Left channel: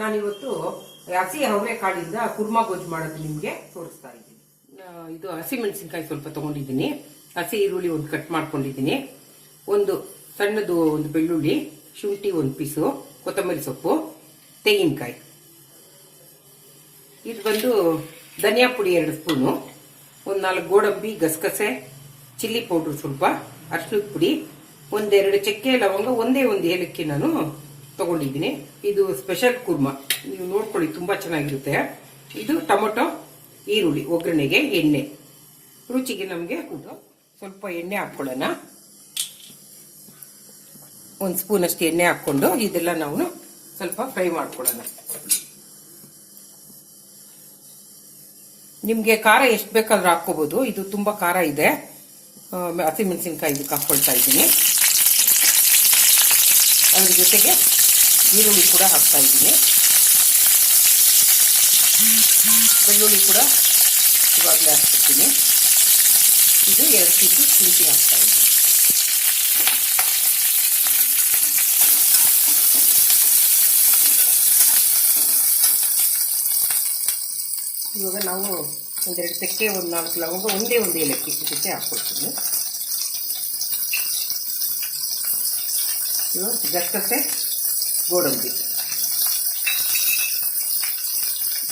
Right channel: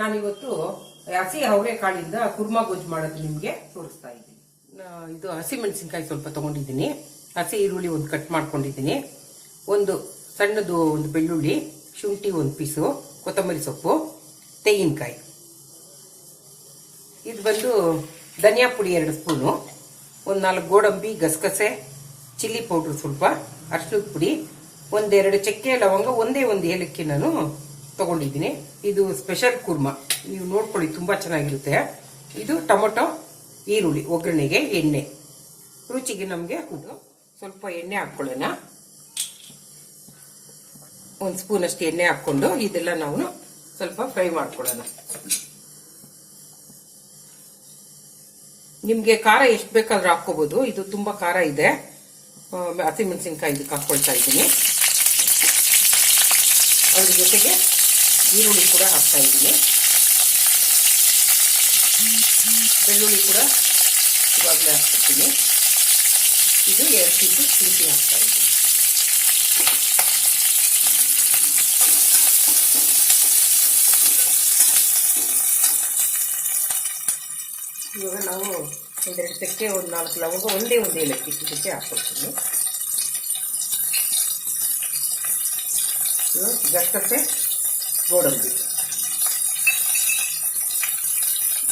ನಾನಿವತ್ತು ಹಸಿ ಅವರೆಕಾಳಿಂದ ಕುರ್ಮಾ ಗೊಜ್ಜು ಮಾಡೋದು ನಿಮಗೆ ತೋರಿಸ್ತಾ ಇದ್ದೀನಿ. ಇದು ಹಸಿ ಮೆಣಸಿನ್ಕಾಯಿ ಸ್ವಲ್ಪ ತಗೊಂಡಿದ್ದೀನಿ, ಹಸಿ ಈರುಳ್ಳಿ ಒಂದು ಕಟ್ ಮಾಡ್ಕೊಂಡಿದ್ದೀನಿ, ಒಂದು ಸಣ್ಣದು ಒಂದು ಬೆಳ್ಳುಳ್ಳಿ, ಶುಂಠಿ ಒಂದು ಪೀಸು, ಕೊತ್ತಂಬರಿ ಸೊಪ್ಪು, ತೆಂಗಿನಕಾಯಿ. ಇದು ಬಂದು ಧನಿಯಾ ಪುಡಿ 2 ಸ್ಪೂನು, ಒಂದು 4 ಗೋಡಂಬಿ, ಗಸಗಸೆ, ಚಿಲ್ಲಿ ಪೌಡ್ರ್ ಸ್ವಲ್ಪ, ಅರಿಶಿಣದ ಪುಡಿ, 1-2 ಚಕ್ಕೆ ಲವಂಗ, ಒಂದೇ ಒಂದು ಏಲಕ್ಕಿ ನಾನು ತಗೊಂಡಿದ್ದೀನಿ. ಇದು ಸ್ಪೆಷಲ್ ಕುರ್ಮಾ, ನೀವು ನೋಡ್ಕೊಳ್ಳಿ, ತುಂಬಾ ಚೆನ್ನಾಗಿರುತ್ತೆ. ಇದು ಟೊಮೊಟೊ, ಈರುಳ್ಳಿ, ಒಗ್ಗರಣೆಗೆ ಎಣ್ಣೆ, ರುಚಿಗೆ ನಮಗೆ ಸ್ವಲ್ಪ ಎಣ್ಣೆ ಹಾಕೊಳ್ಳೋಣ. 1 ಸ್ಪೂನ್ ಅಷ್ಟು ಎಣ್ಣೆ ಹಾಕೊಂಡು ಇದೆಲ್ಲ ನಾವು ಸ್ವಲ್ಪ ಫ್ರೈ ಮಾಡ್ಕೊಳ್ಳೋಣ. ನಿಮ್ಗೆ ಖಾರ ಎಷ್ಟು ಬೇಕಾದ್ರೂ ಹಾಕೋಬಹುದು, ಇದು ತುಂಬಾ ಖಾರ ಇದೆ. ಹಸಿಮೆಣಸಿನ್ಕಾಯಿ ಇದಕ್ಕೆ ಹಾಕೊಳ್ತಾ ಇದ್ದೀನಿ. ಅದ್ರ ಜೊತೆಗೆ ಈರುಳ್ಳಿ ಕೂಡ ಹಾಕ್ತಾ ಇದ್ದೀನಿ, ಬೆಳ್ಳುಳ್ಳಿ ಕೂಡ ಇವಾಗಲೇ ಹಾಕ್ತೀನಿ. ಇದು 2 ಪೀಸು ಶುಂಠಿ ಹಾಕ್ತಾ ಇದ್ದೀನಿ. ಇವಾಗ ನಾವು 1-2 ಚಕ್ಕೆ, 1-4 ಲವಂಗ, ಒಂದೇ ಒಂದು ಏಲಕ್ಕಿ ಇದಕ್ಕೆ ಹಾಕ್ಕೊಳ್ತೀನಿ. ಇವಾಗ ಗಸಗಸೆ, ಗೋಡಂಬಿ,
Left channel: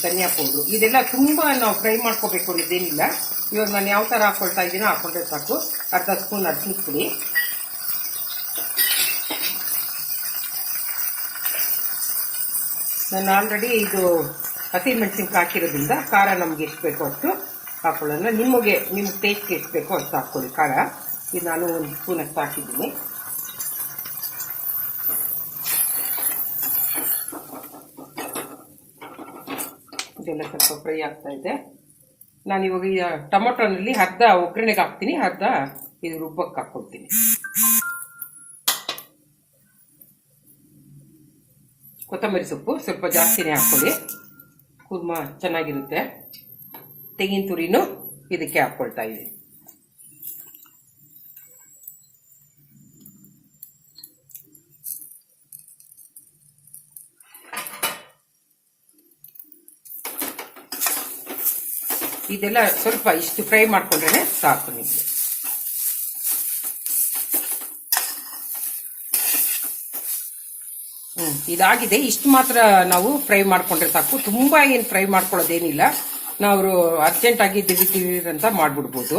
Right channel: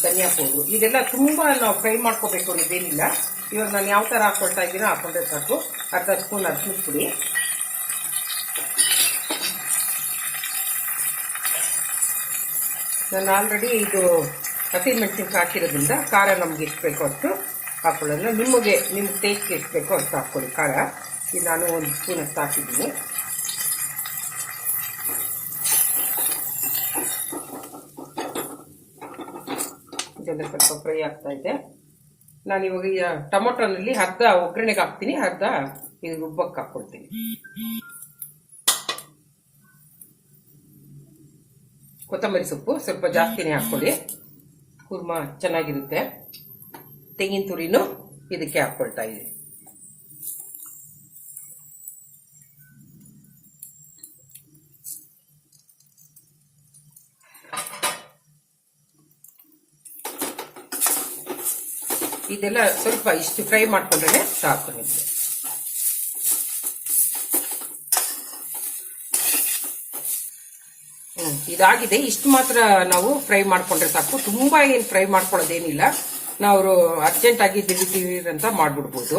ಧನಿಯಾ ಪೌಡ್ರು, ಇದೆಲ್ಲ ತುಂಬಾ ನಾವು ಫ್ರೈ ಮಾಡ್ಕೋಬೇಕು ಅನ್ನೋದೇನಿಲ್ಲ. ಇವಾಗ ನಾನು ಯಾವ ಥರ ಹಾಕ್ಕೊಳ್ತಾ ಇದ್ದೀನೋ ಹಾಕೊಂಡ್ರೆ ಸಾಕು. ಅರ್ಧ ಸ್ಪೂನ್ ಅರಿಶಿಣದ ಪುಡಿ, ನಾನು ಆಲ್ರೆಡಿ ಇದು ಹಸಿಮೆಣಸಿನ್ಕಾಯಿ ಹಾಕಿರೋದ್ರಿಂದ ಖಾರ ನಮ್ಗೆ ಎಷ್ಟು ಬೇಕೋ ಅಷ್ಟು ಹಾಕೊಳ್ಳೋಣ. ನಿಮ್ಮ ಟೇಸ್ಟ್ಗೆ ಎಷ್ಟು ಬೇಕೋ ಅಷ್ಟು ಹಾಕ್ಕೊಳ್ಳಿ ಖಾರ. ಇದು ನಾನು 1 ಸ್ಪೂನ್ ಅಷ್ಟು ಹಾಕಿದ್ದೀನಿ. ಇದೆಲ್ಲ ಸ್ವಲ್ಪ ಫ್ರೈ ಆಗ್ತಾ ಇದೆ. ನಾನು ಇವಾಗ ಟೊಮೊಟೊನಲ್ಲಿ ಅರ್ಧ ಒಗ್ಗರಣೆಗೆ ಹಾಕ್ತೀನಿ, ಅರ್ಧ ಇದು ರುಬ್ಬಕ್ಕೆ ಹಾಕ್ಕೊಳ್ತೀನಿ. ಕೊತ್ತಂಬರಿ ಸೊಪ್ಪು ಸ್ವಲ್ಪ ಜಾಸ್ತಿನೇ ಹಾಕ್ಕೊಳ್ಳಿ, ಕುರ್ಮಾ ಚೆನ್ನಾಗಿರುತ್ತೆ. ತೆಂಗಿನ ತುರಿನೂ ಇದಕ್ಕೆ ಹಾಕ್ಕೊಳ್ತಾ ಇದ್ದೀನಿ. ಇದೆಲ್ಲ ಸ್ವಲ್ಪ ಇಷ್ಟು ಫ್ರೈ ಮಾಡ್ಕೊಂಡ್ರೆ ಸಾಕು ನಿಮಗೆ. ಇದಾಗಿದೆ, ಇಷ್ಟು ಮಾತ್ರ ನಾವು ಫ್ರೈ ಮಾಡ್ಕೊಂಡ್ರೆ ಸಾಕು. ತುಂಬಾ ಏನು ಫ್ರೈ ಮಾಡ್ಕೊಳ್ಳೋದೇನಿಲ್ಲ, ನಾವು ಅರ್ಜೆಂಟ್ ಆಗಿ ದಿಢೀರ್ ಅಂತ ಮಾಡ್ಬಿಡ್ಬೋದು.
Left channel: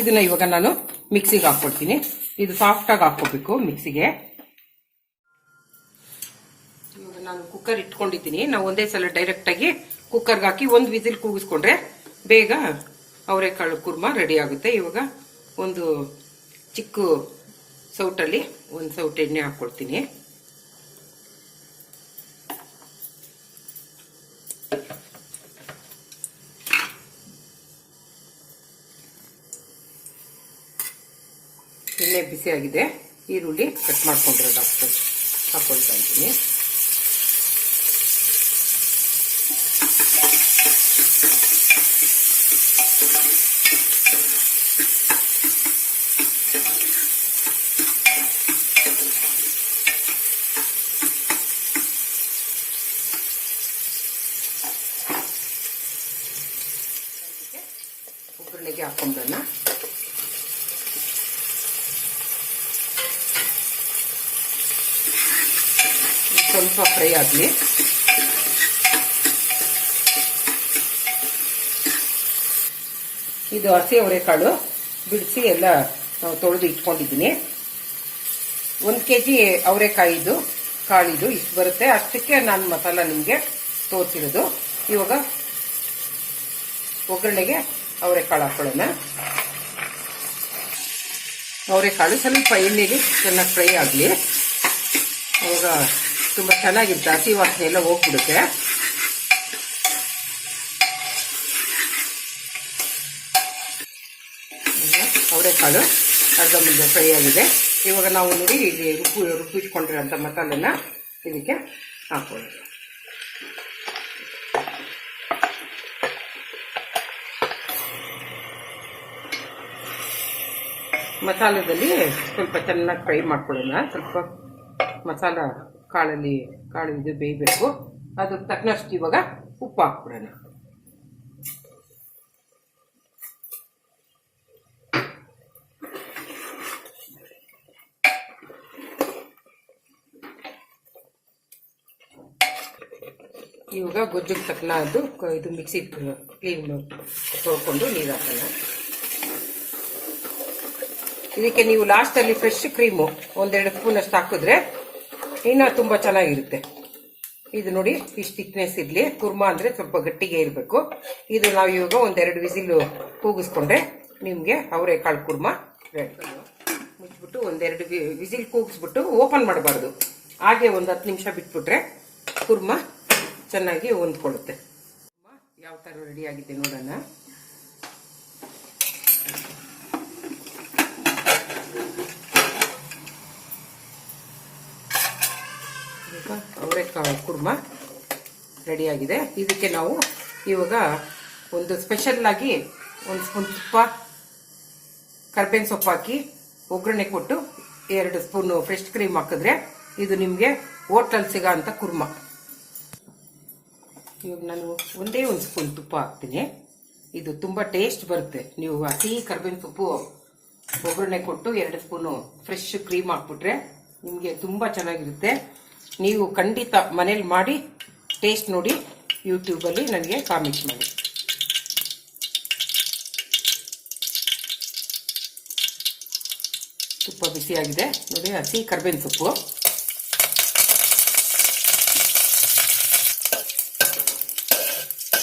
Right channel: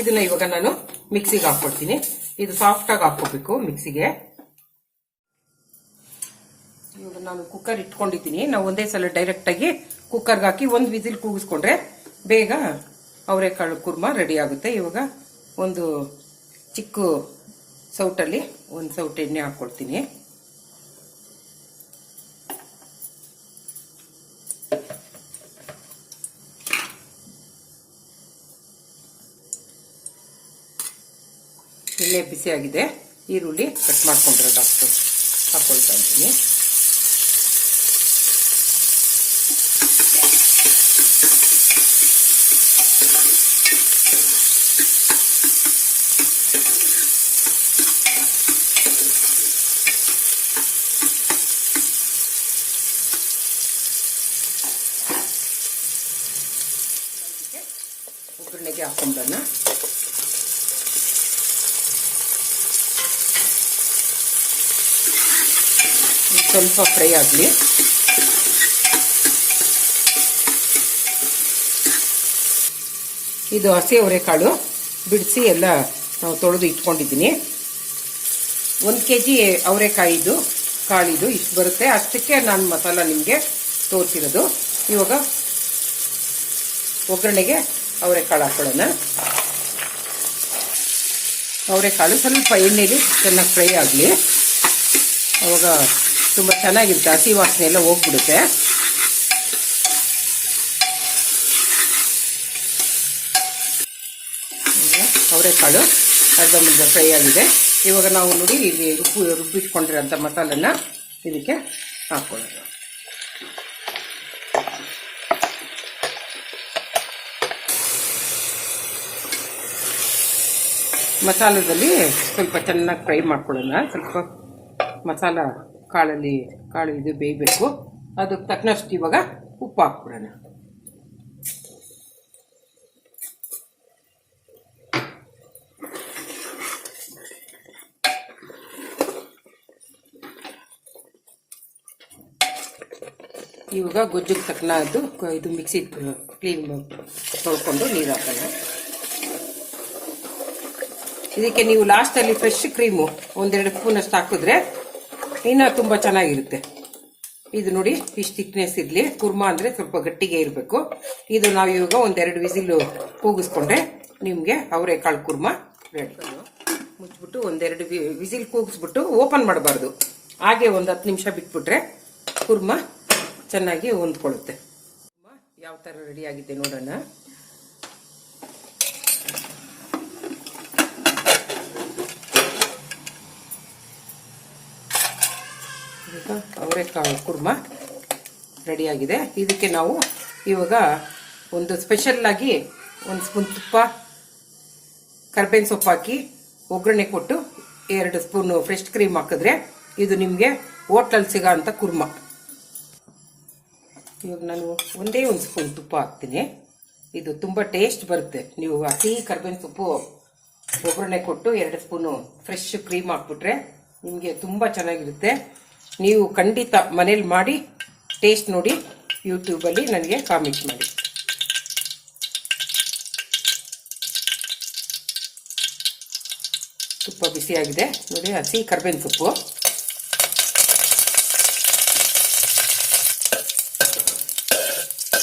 ಇದನ್ನ ಇವಾಗ ನಾನು ಮಿಕ್ಸಿಗೆ ಹಾಕ್ಕೊಡ್ತೀನಿ. ಇದು ಸಾಫ್ಟ್ ಆಗಿ ಹಾಕೋಬೇಕು ಮಿಕ್ಸಿಗೆ. ಇವಾಗ ನಾನು ಕುಕ್ಕರ್ ಇಟ್ಕೊಂಡಿದ್ದೀನಿ. ನಾವು ಒಂದೇ ಸಲ ಡೈರೆಕ್ಟ್ ಆಗಿ ಕುಕ್ಕರ್ಗೆ ಹಾಕಿ 1 ವಿಸಿಲ್ ಕೂಗಿಸ್ಕೊಂಡ್ರೆ ಬೇಗ ಅವರೆಕಾಳು ಕುರ್ಮಾ ರೆಡಿ ಆಗುತ್ತೆ. ಇವಾಗ ಒಂದು ಚಿಕ್ಕ ಸೌಟಲ್ಲಿ 1 ಸೌಟ್ ಎಣ್ಣೆ ಹಾಕ್ಕೊಳ್ತೀನಿ. ಎಣ್ಣೆ ಬಿಸಿಯಾಗಿದೆ, ಈರುಳ್ಳಿ ಕಟ್ ಮಾಡ್ಕೊಂಡಿರೋದು ಹಾಕೊಳ್ತಾ ಇದ್ದೀನಿ. ಒಗ್ಗರಣೆಗೆ ಹಾಕೊಂಡನ್ನ ಸ್ವಲ್ಪ ಫ್ರೈ ಆಗಲಿ. ಇದು ಹಸಿ ಅವರೆಕಾಳು ಬಿಡಿಸಿ ಎಲ್ಲ ತೊಳೆದು ಇಟ್ಕೊಂಡಿದ್ದೀನಿ. 1 kg ಅವರೆಕಾಯಿದು ಕಾಳಿದು ಇಷ್ಟು ಬರುತ್ತೆ, ಅಷ್ಟಕ್ಕೆ ನಾನು ಮಸಾಲ ನಿಮಗೆ ತೋರಿಸಿರೋದು. ಇವಾಗ ಒಗ್ಗರಣೆಗೆ ಅವರೆಕಾಳು ಹಾಕೊಳ್ಳೋಣ. ಅವರೆಕಾಳು ಸ್ವಲ್ಪ ಎಣ್ಣೆಗೆ ಚೆನ್ನಾಗಿ ಫ್ರೈ ಆಗಲಿ, ಅವಾಗ ತುಂಬ ಚೆನ್ನಾಗಿರುತ್ತೆ, ಹಸಿ ವಾಸನೆ ಎಲ್ಲ ಹೋಗ್ಬಿಡುತ್ತೆ. ಅವರೆಕಾಳು ಅರ್ಧ ಮುದ್ದೆ ಫ್ರೈ ಆಗಿದೆ. ಇವಾಗ ನಾವು ನೋಡಿ ಇಲ್ಲಿ ರುಬ್ಬಿಟ್ಕೊಂಡಿರೋಂಥ ಮಸಾಲೆನ ಇದಕ್ಕೆ ಹಾಕೊಳ್ಳೋದು. ಮಸಾಲೆದಲ್ಲಿ ಸ್ವಲ್ಪ ಚೆನ್ನಾಗಿ ಫ್ರೈ ಮಾಡ್ಕೊಳ್ಳೋಣ. ಸ್ವಲ್ಪ ಮಸಾಲ ಕಾಳು ಇದು ಬೇಯಬೇಕು. ಅದಕ್ಕೆ ತಕ್ಕನಷ್ಟು ಇವಾಗ ಉಪ್ಪು ಹಾಕ್ಬಿಡೋಣ. ಇವಾಗ ಗೊಜ್ಜಿಗೆ ತಕ್ಕನದ್ದು ಇದು ಮಿಕ್ಸಿ ಕ್ಲೀನ್ ತೊಳ್ಕೊಂಡು ನೀರು ಹಾಕೋಣ. ಇದಕ್ಕೆ ನೀವು ಲಾಸ್ಟಲ್ಲಿ ಫ್ರೆಶ್ ಕ್ರೀಮು 1-2 ಸ್ಪೂನ್ ಅಷ್ಟು ಹಾಕಿದ್ರೆ ಇನ್ನೂ ತುಂಬ ಚೆನ್ನಾಗಿರುತ್ತೆ. ಇದು ನೋಡಿ ಇಷ್ಟು ಥಿಕ್ನೆಸ್ ಇರಲಿ. ಕುರ್ಮಾ ಅಂದರೆ ಸ್ವಲ್ಪ ಗಟ್ಟಿಗೆ ಇರಬೇಕು. ಇದು ನಾವು ಇವಾಗ 1-2 ವಿಸಿಲು ಕೂಗಿಸ್ಕೊಂಡ್ರೆ ನಿಮಗೆ ಅವರೆಕಾಳು ಕುರ್ಮಾ ರೆಡಿ. ಮುಚ್ಚಿಬಿಟ್ಟು 1-2 ವಿಸಿಲ್ ಕೂಗಿಸ್ಬಿಟ್ಟು ಓಪನ್ ಮಾಡಬಾರ್ದು. ಹಾಗೆ 10 ನಿಮಿಷ ಬಿಟ್ಬಿಟ್ರೆ ಕುರ್ಮಾ ಚೆನ್ನಾಗಿ ಹೊಂದ್ಕೊಳ್ಳುತ್ತೆ. ಯಾವ ಥರ ರೆಡಿ ಆಗಿದೆ ನೋಡೋಣ. ಈಗ ಅವರೆಕಾಳು ಕುರ್ಮಾ ರೆಡಿಯಾಗಿದೆ. ಇದಕ್ಕೆ ನಾವು ಇವಾಗ ಒಂದು ಸ್ಪೆಷಲ್ ಆಗಿ 1 ಸ್ಪೂನ್ ತುಪ್ಪ, ಕರ್ಬೇವಿನ ಸೊಪ್ಪು ಹಾಕಿ ಒಗ್ಗರಣೆ ಕೊಟ್ಟು 2 ಸ್ಪೂನ್ ಫ್ರೆಶ್ ಕ್ರೀಮ್ ಹಾಕಿದ್ರೆ ಇದು ನಿಮಗೆ ಹೋಟ್ಲಲ್ಲಿ ಸಿಗೋ ಅಂತ ಕುರ್ಮಾ. ಇವಾಗ ನಾನು 1 ಸ್ಪೂನ್ ತುಪ್ಪ ಹಾಕ್ತೀನಿ. ಇದು ತುಂಬ ಟೇಸ್ಟ್ ಬರುತ್ತೆ. ನೀವು ಹಸಿ ಕರ್ಬೇವಿನ ಸೊಪ್ಪು ಒಗ್ಗರಣೆ ಕೊಟ್ಟು 2 ಸ್ಪೂನು ಫ್ರೆಶ್ ಕ್ರೀಮ್ ಹಾಕ್ಬಿಟ್ರೆ ನಿಮಗೆ ತುಂಬ ಚೆನ್ನಾಗಿರುತ್ತೆ. ನೀವು ಖಂಡಿತ ಮನೇಲಿ ಮಾಡಿ ಟೇಸ್ಟ್ ನೋಡಿ ಯೂಟ್ಯೂಬಲ್ಲಿ ನನಗೆ ಕಾಮೆಂಟ್ ಮಾಡಿ. ತುಪ್ಪ ಬಿಸಿಯಾಗಿದೆ ನೋಡಿ. ಹಸಿ ಕರ್ಬೇವಿನ ಸೊಪ್ಪು,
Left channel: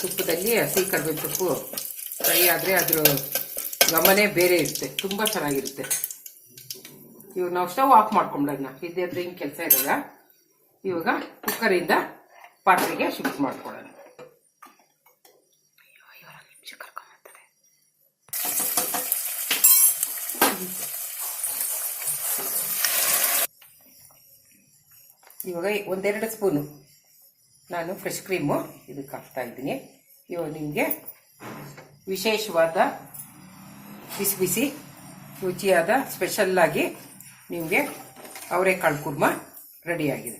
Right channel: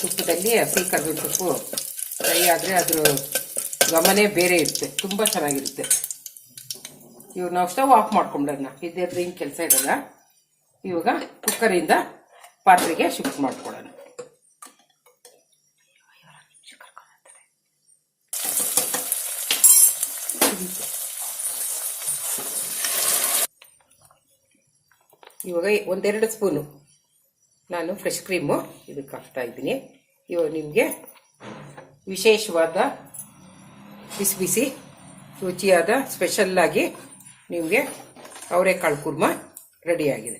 ತುಪ್ಪದಲ್ಲಿ ಹಸಿ ಕರ್ಬೇವಿನ ಸೊಪ್ಪು ಫ್ರೈ ಆದರೆ ಅದ್ರ ಗಮನೇ ಬೇರೆ ಇರುತ್ತೆ, ತುಂಬ ಚೆನ್ನಾಗಿರುತ್ತೆ. ಇವಾಗ ನಾವು ಸ್ಟವ್ ಆಫ್ ಮಾಡ್ಕೊಂಬಿಡೋಣ. ಇದ್ರದ್ದು ಏನು ಕೆಲಸ ಇರಲ್ಲ. ಇವಾಗ ಕುಕ್ಕರಿಂದ ಪಾತ್ರೆಗೆ ಶಿಫ್ಟ್ ಮಾಡ್ಕೊಳ್ಳೋಣ. ಇವಾಗ 1-2 ಸ್ಪೂನು ನಾನು ಫ್ರೆಶ್ ಕ್ರೀಮು ಇದಕ್ಕೆ ಹಾಕ್ತಾ ಇದ್ದೀನಿ. ಇವಾಗ ನಿಮಗೆ ವಿಶೇಷವಾದ ಬಿಸಿ ಬಿಸಿ ರುಚಿಯಾದ ಸ್ಪೆಷಲ್ಲಾಗಿ ನಿಮಗೆ ಅವರೆಕಾಳು ಕುರ್ಮಾ ರೆಡಿಯಾಗಿದೆ.